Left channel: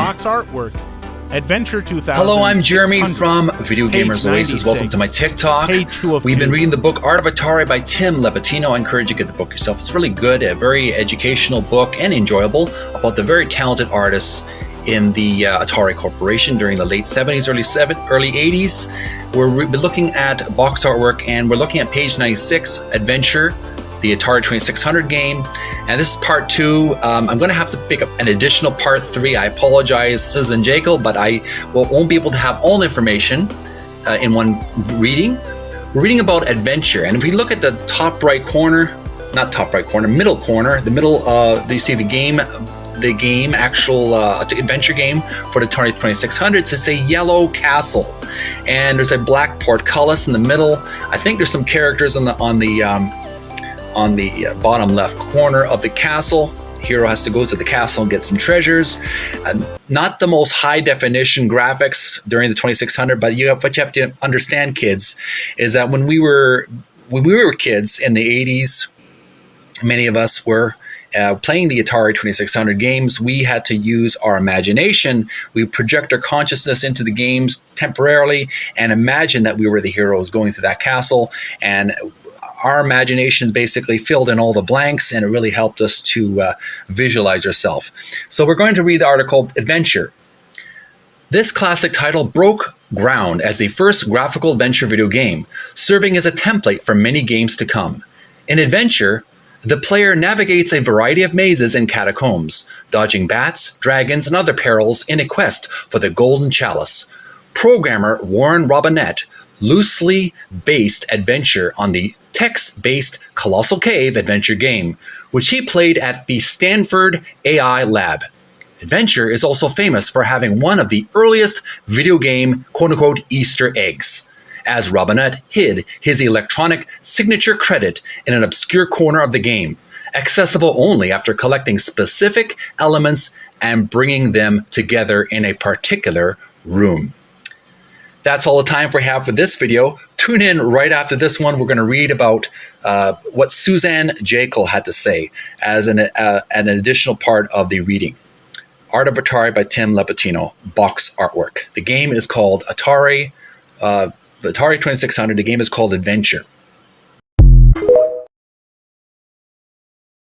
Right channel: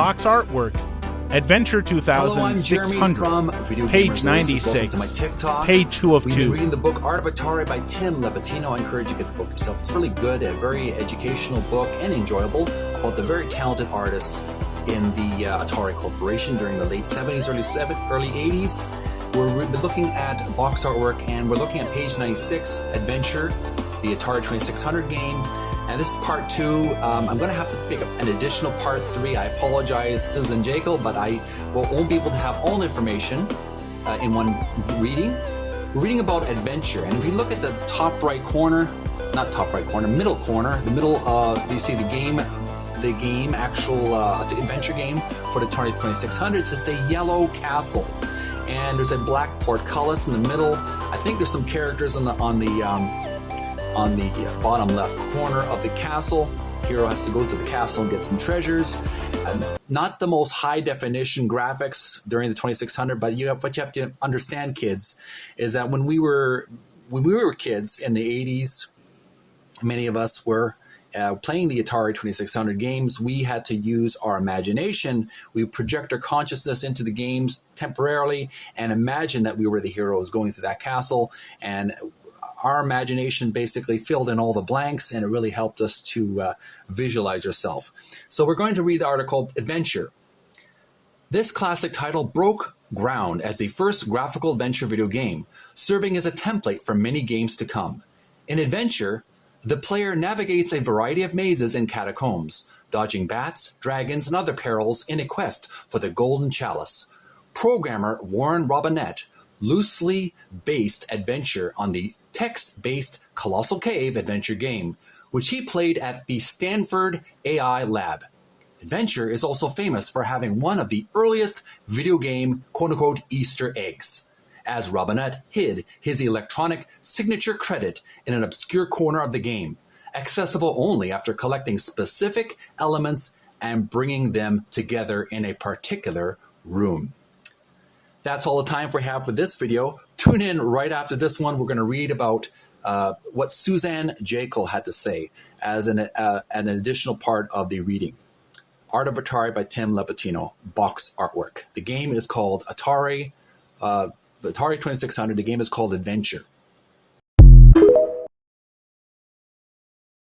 Box artwork. Adventure 2000. Hello, I'm Jeremy from Video Gamers Oasis. Welcome to my TikTok. Page 2 of We've 2. been reading the book Art of Atari by Tim Lapetino. I encourage you to get the book yourself. It's really good, a very educational book and enjoyable about the very talented artists in the Atari Corporation during the late 70s, early 80s. We've been looking at box artwork, and we're looking at page 96, Adventure, the Atari 2600 game. And this is part 2. I'm going to have to pick up an additional part 3. I apologize, Susan Jekyll, but I won't be able to have all the information in one reading. We're reading about adventure. And if we look at the top right corner, not top right corner, middle corner, the middle, you see the game, actual adventure game for the Atari 2600. It's a yellow castle. And there's a black portcullis in the middle. I think there's some characters on the bottom left corner of the castle. Hero has to go to the castle and get some treasures. Not the most high definition graphics during the 2600, but what you have to understand, kids, is that when we were kids in the 80s, many of us were playing the Atari 2600 games. We had to use our imagination. We project our consciousness into the games temporarily and imagine that we were the heroes going through that castle, and our imaginations basically filled in all the blanks, and it really helped us to visualize ourselves. So we're going to read the article, Adventure. This classic title broke ground as the first graphical adventure video game, serving as a template for many games to come. In Adventure, the player navigates a variety of mazes and catacombs, dodging bats, dragons, and other perils in a quest for the Golden Chalice. Programmer Warren Robinette loosely based Adventure on the text-based Colossal Cave adventure game, which he played at the Stanford AI Lab. Adventure is also famous for having one of the earliest video game quote-unquote Easter eggs, as Robinette hid his electronic signature credit in an obscure corner of the game, accessible only after collecting specific elements and bringing them together in a particular room. That's all the time we have for this video. Tune in right after this one. We're going to read about what Suzanne Jekyll had to say as an additional part of the reading. Art of Atari by Tim Lapetino, box artwork. The game is called the Atari 2600. The game is called Adventure.